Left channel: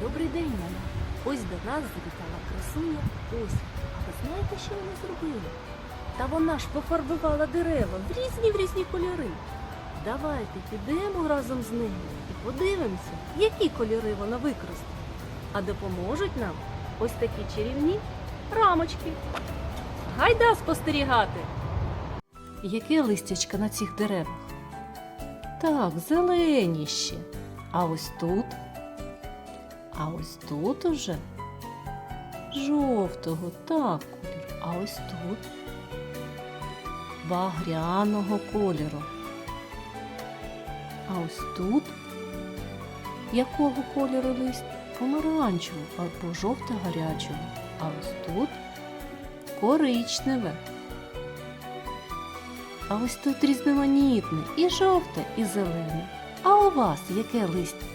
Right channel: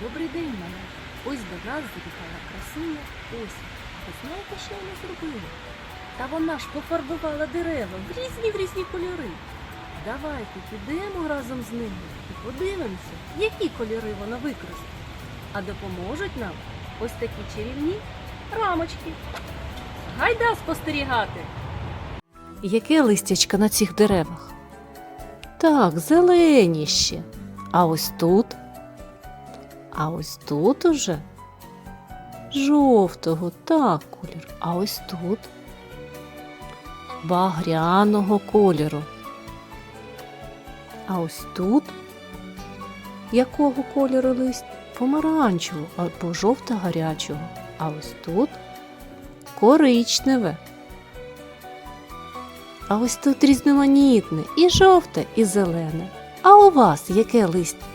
Добрий день, маля. Ось до нас завітала красуня Ося. А ви знаєте, що вона зробила? Та вона ж пофарбувала дерева в різні в різні кольори. Давайте підемо разом з нею і подивимося, які кольори вона використала. А допоможуть нам ось такі чарівні рамочки. Гайда спостерігати! Яке листячко на цих деревах? Так, зелені ще. А ось тут а ось тут уже жовтого, так колір. А ось тут багряного кольору. А ось тут якого кольору лист? Помаранчевого або жовто-гарячого. А ось тут коричневе. А ось тут різноманітне і жовте, і зелене. А у вас яке листя?